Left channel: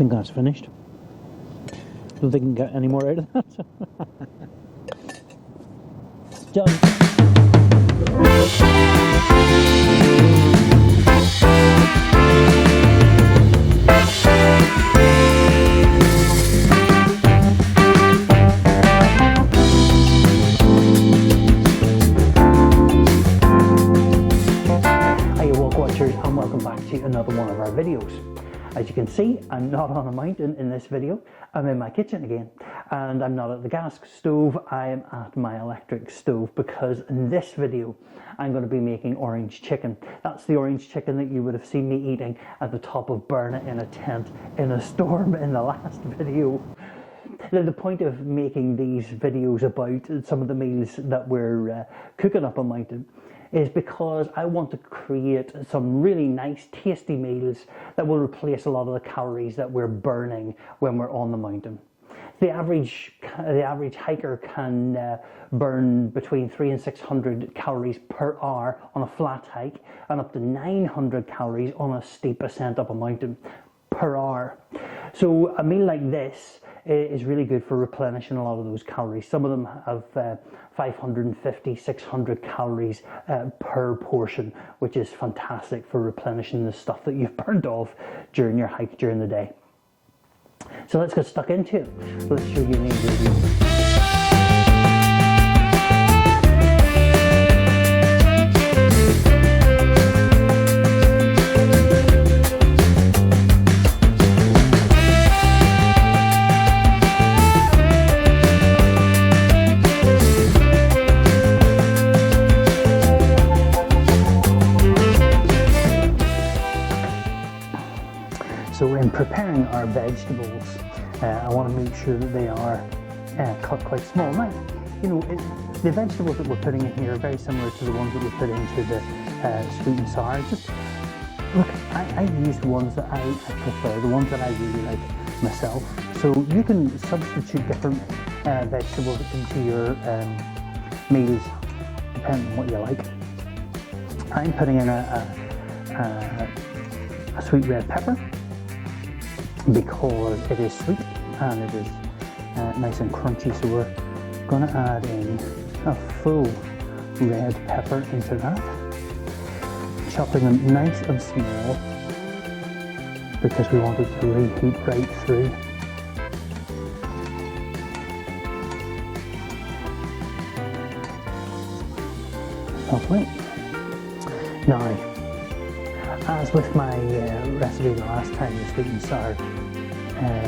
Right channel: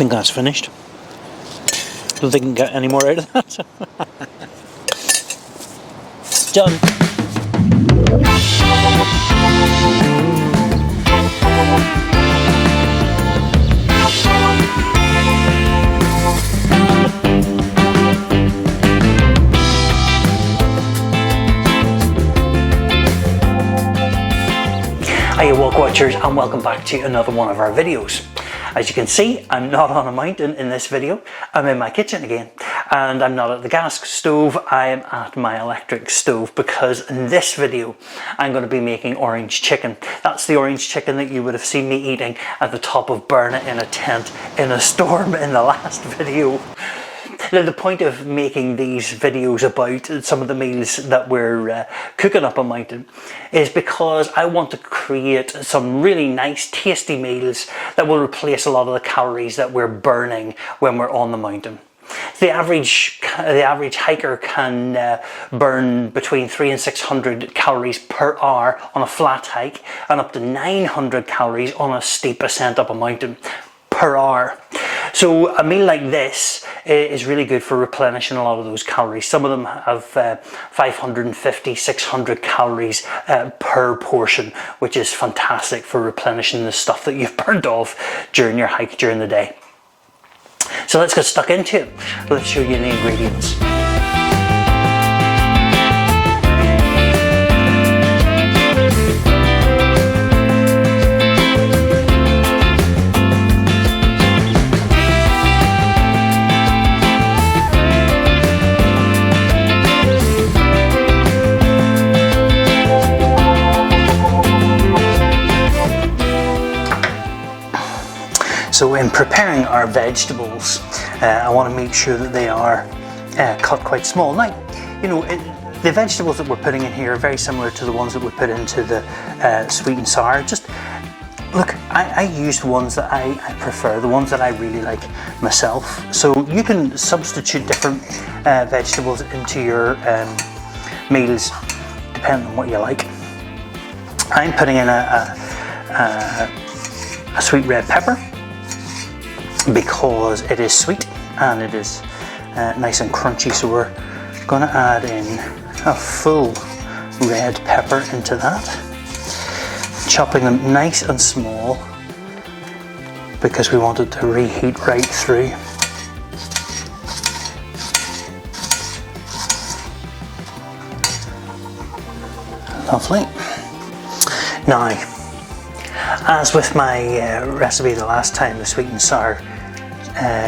think that's finished. Don't think I can get any more out of that. Done. Hiya Walkwatchers, and welcome back to another one of our videos. As you can see, I'm not on a mountain in this video. I'm in my kitchen again, and I'm not at the gas stove, I am at my electric stove, because in this video I'm going to be making orange chicken. That's the orange chicken that you would have seen me eating at the top of Burna in a tent in a storm in the last video. Now, the point of making these videos about some of the meals that we're cooking up a mountain is because I want to create some really nice tasty meals that will replace a lot of the calories that we're burning when we're on the mountain. The average hiker can burn between 300 and 600 calories per hour on a flat hike, and up to 900 calories on a steep ascent up a mountain per hour. So a meal like this is really good for replenishing a lot of those calories. Some of them have 550, 600 calories per portion, which is fantastic for replenishing the stuff that you've burned off during your hike during the day. So let's get stuck into it. Let's show you the ingredients. So in preparing our vegetables, I want to make sure that they are cut quite small. Now, you know, the vegetables that we're putting in here are very similar to the ones that we put into the sweet and sour. Just look, I use the ones that I prefer, the ones that I really like myself. So you can substitute different vegetables into your meals depending on what you like. I'm putting in a sweet red pepper, because it is sweet and it is nice and crunchy, so we're going to add in a full red pepper into that, chopping them nice and small because we want it to reheat right through. Lovely. Now, as with my recipe the last time, the sweet and sour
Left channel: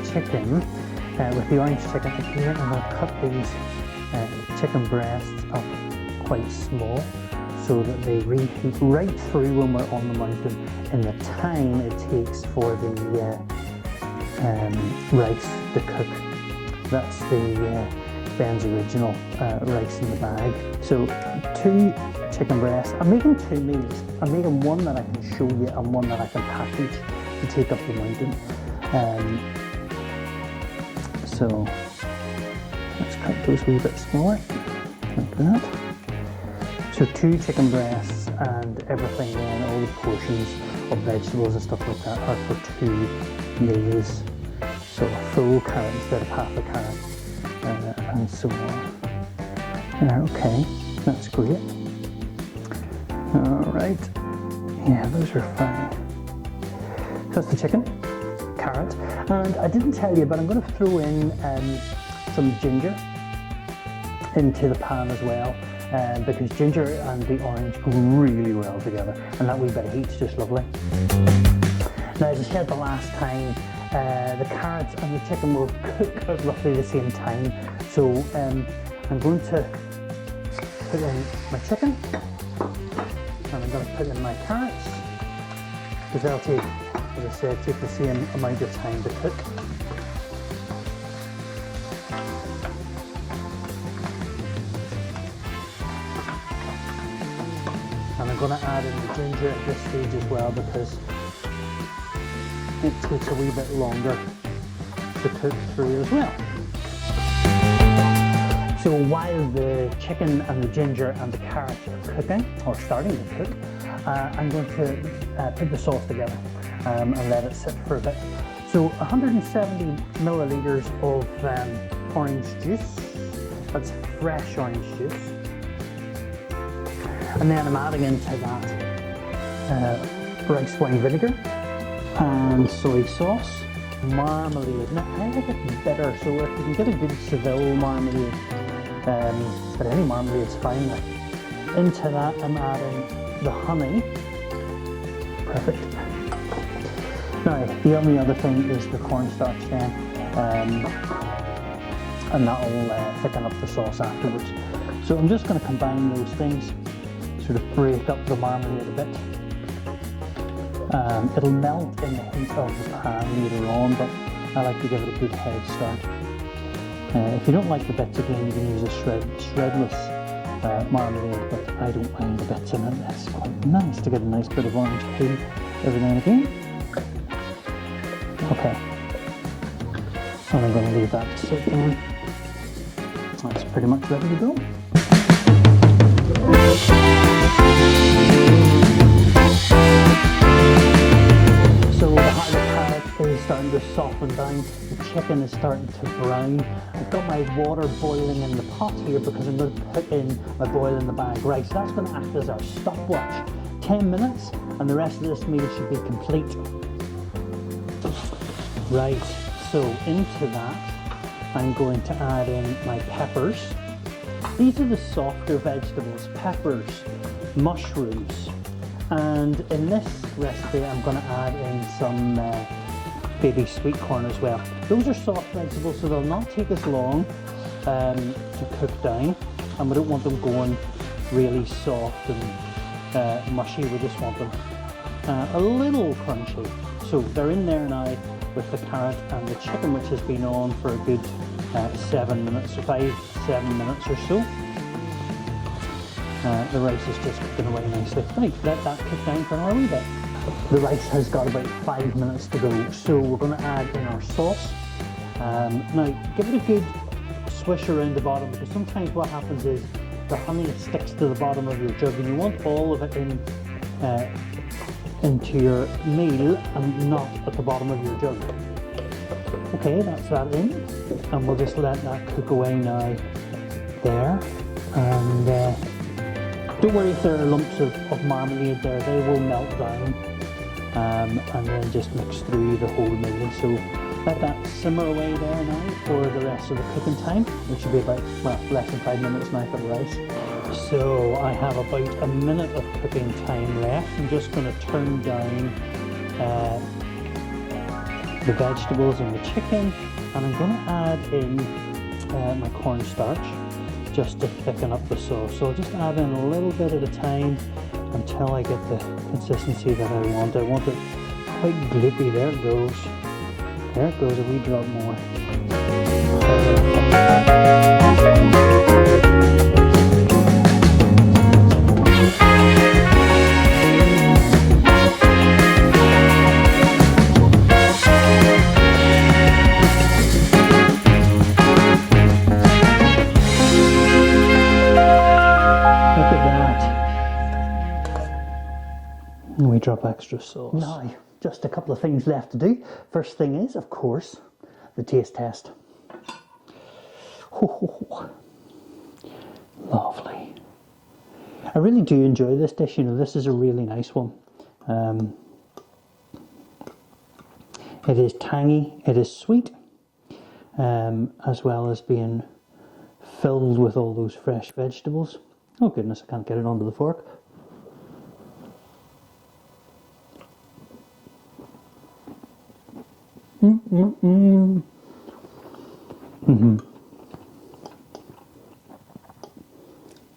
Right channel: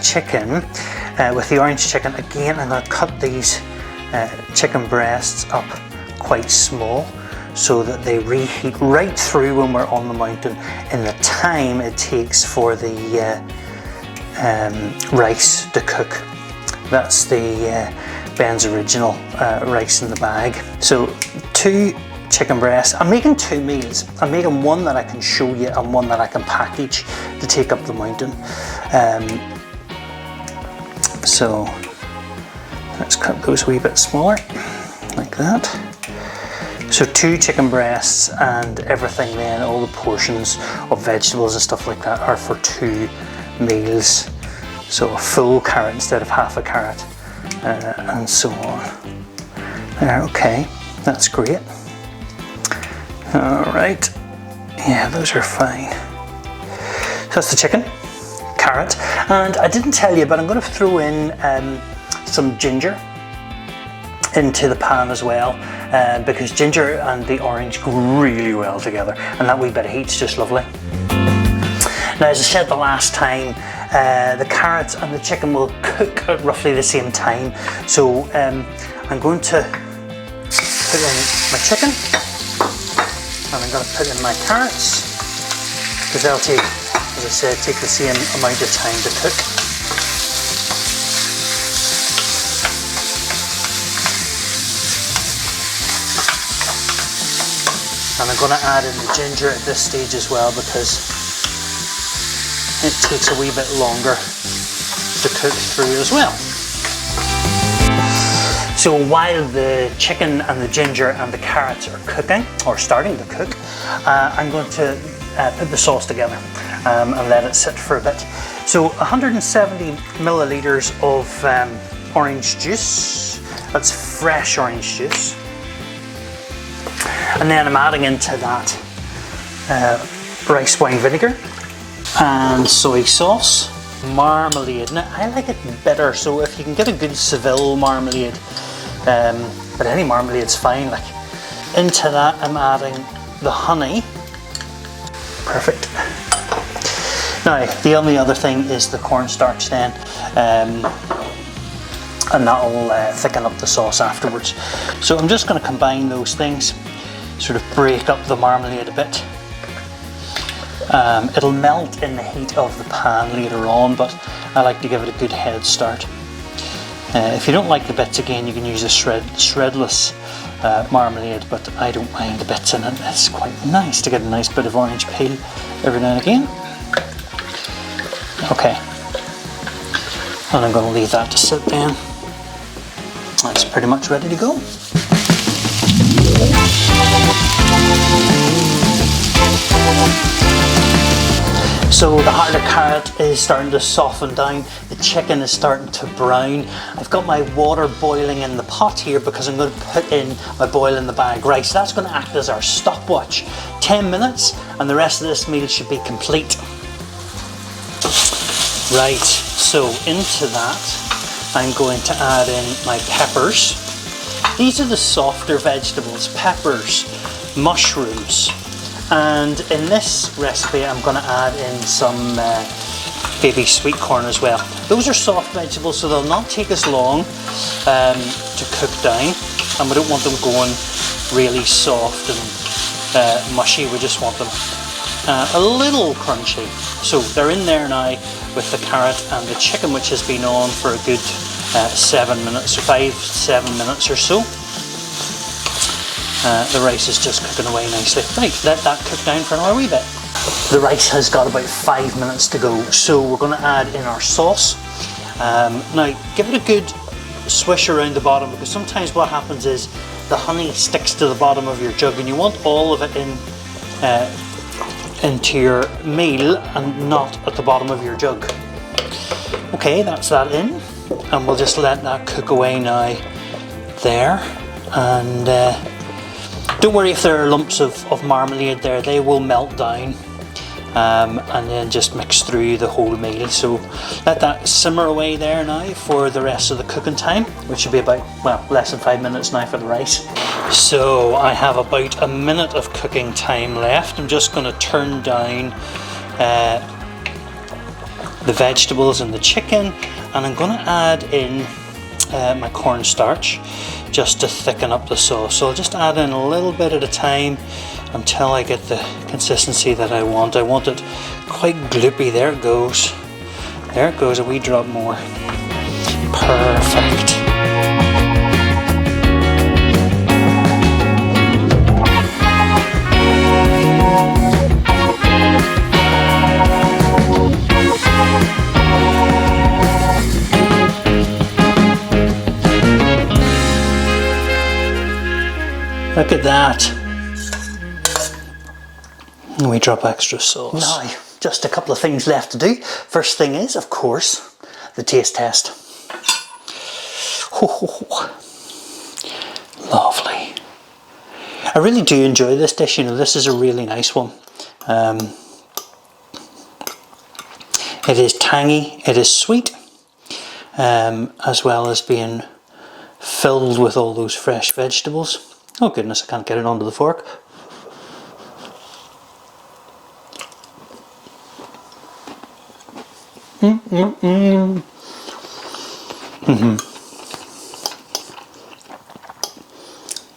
chicken, with the orange chicken, again I'm going to cut these chicken breasts up quite small so that they reheat right through when we're on the mountain in the time it takes for the rice to cook. That's the Ben's original rice in the bag. So 2 chicken breasts. I'm making 2 meals. I'm making one that I can show you and one that I can package to take up the mountain. So let's cut those a wee bit smaller, like that. So 2 chicken breasts, and everything then, all the portions of vegetables and stuff like that are for 2 meals. So a full carrot instead of half a carrot, and so on. There, okay, that's great. Alright, yeah, those are fine. So that's the chicken, carrot, and I didn't tell you, but I'm going to throw in some ginger into the pan as well, because ginger and the orange go really well together, and that wee bit of heat's just lovely. Now, as I said the last time, the carrots and the chicken will cook at roughly the same time, so I'm going to put in my chicken, and I'm going to put in my carrots, because they'll take, as I said, take the same amount of time to cook. And I'm going to add in the ginger at this stage as well, because it takes a wee bit longer to cook through as well. So while the chicken and the ginger and the carrots are cooking, or starting to cook, I'm going to put the sauce together and let it sit for a bit. So 170 milliliters of orange juice. That's fresh orange juice. And then I'm adding into that rice wine vinegar and soy sauce, marmalade. Now I like it bitter, so if you can get a good Seville marmalade, but any marmalade's fine. Like, into that I'm adding the honey. Perfect. Now the only other thing is the cornstarch then, and that'll thicken up the sauce afterwards. So I'm just going to combine those things, sort of break up the marmalade a bit. It'll melt in the heat of the pan later on, but I like to give it a good head start. If you don't like the bits, again, you can use a shredless marmalade, but I don't mind the bits in it. It's quite nice to get a nice bit of orange peel every now and again. Okay, and I'm going to leave that to sit down. That's pretty much ready to go. So the harder carrot is starting to soften down, the chicken is starting to brown. I've got my water boiling in the pot here because I'm going to put in my boil in the bag rice. That's going to act as our stopwatch. 10 minutes and the rest of this meal should be complete. Right, so into that I'm going to add in my peppers. These are the softer vegetables, peppers, mushrooms. And in this recipe I'm going to add in some baby sweet corn as well. Those are soft vegetables, so they'll not take us long to cook down, and we don't want them going really soft and mushy. We just want them a little crunchy. So they're in there now with the carrot and the chicken, which has been on for a good 7 minutes or 5-7 minutes or so. The rice is just cooking away nicely. Right, let that cook down for another wee bit. The rice has got about 5 minutes to go, so we're going to add in our sauce. Now, give it a good swish around the bottom, because sometimes what happens is the honey sticks to the bottom of your jug, and you want all of it in into your meal and not at the bottom of your jug. Okay, that's that in, and we'll just let that cook away now there. And don't worry if there are lumps of marmalade there, they will melt down and then just mix through the whole meal. So let that simmer away there now for the rest of the cooking time, which should be about, well, less than 5 minutes now for the rice. So I have about a minute of cooking time left. I'm just going to turn down the vegetables and the chicken, and I'm going to add in my cornstarch just to thicken up the sauce. So I'll just add in a little bit at a time until I get the consistency that I want. I want it quite gloopy. There it goes. There it goes, a wee drop more. Perfect. Look at that. And we drop extra sauce. Now, just a couple of things left to do. First thing is, of course, the taste test. Oh, lovely. I really do enjoy this dish. You know, this is a really nice one. It is tangy, it is sweet, as well as being filled with all those fresh vegetables. Oh goodness, I can't get it onto the fork.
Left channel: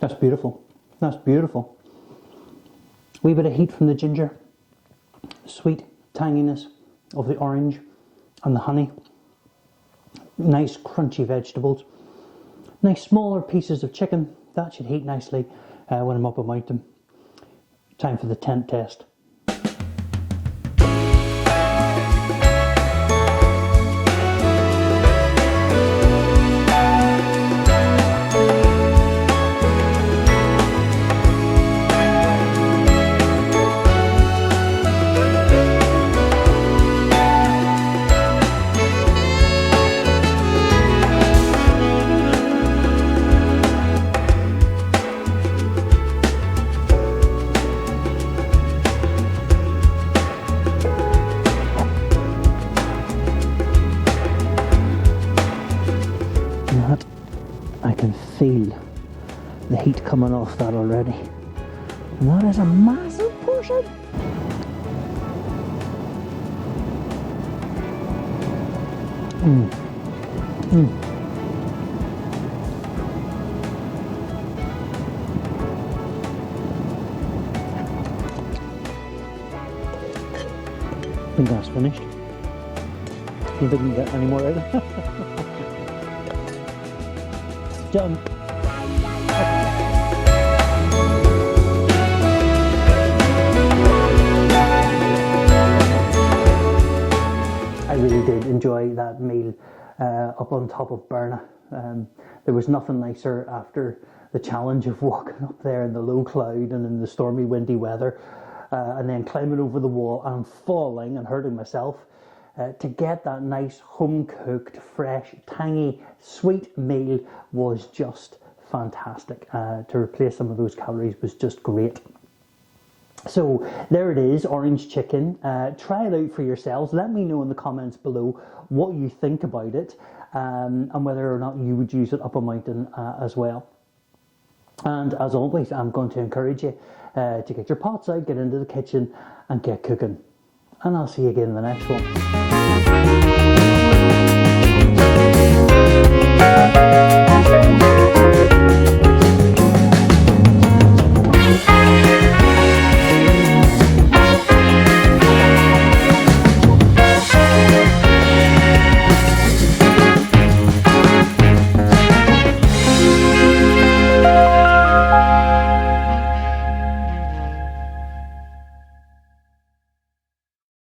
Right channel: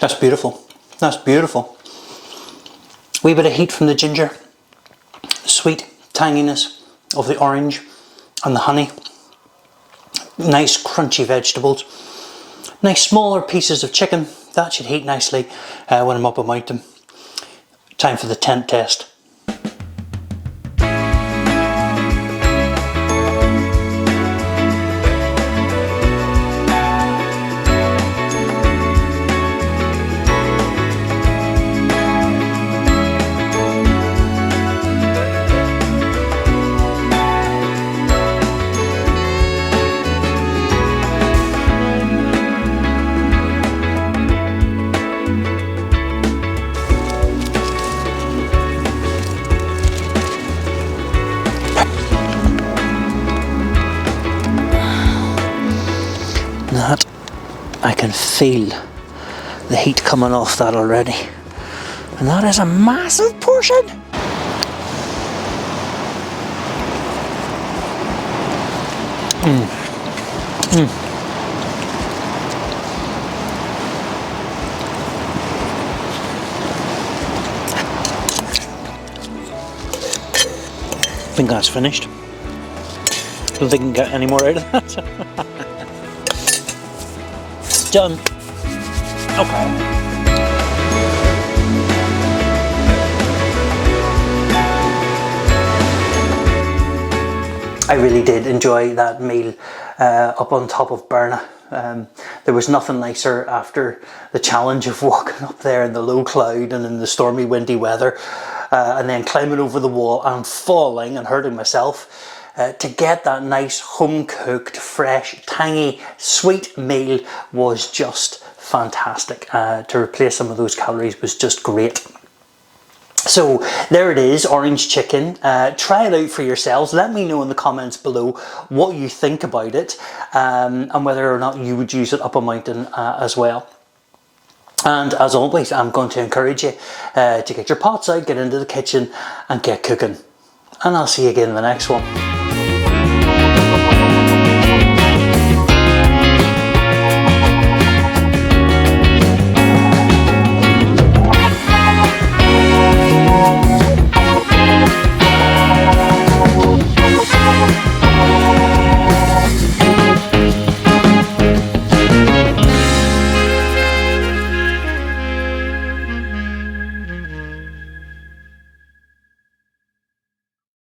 That's beautiful. That's beautiful. Wee bit of heat from the ginger, sweet tanginess of the orange and the honey. Nice crunchy vegetables. Nice smaller pieces of chicken. That should heat nicely when I'm up about them. Time for the tent test. can feel the heat coming off that already. And that is a massive portion. I think that's finished. Don't think I can get any more out of that. Done. Okay. I really did enjoy that meal up on top of Berna. There was nothing nicer after the challenge of walking up there in the low cloud and in the stormy windy weather, and then climbing over the wall and falling and hurting myself. To get that nice home cooked, fresh, tangy, sweet meal was just fantastic. To replace some of those calories was just great. So there it is, orange chicken. Try it out for yourselves. Let me know in the comments below what you think about it, and whether or not you would use it up a mountain as well. And as always, I'm going to encourage you to get your pots out, get into the kitchen and get cooking. And I'll see you again in the next one.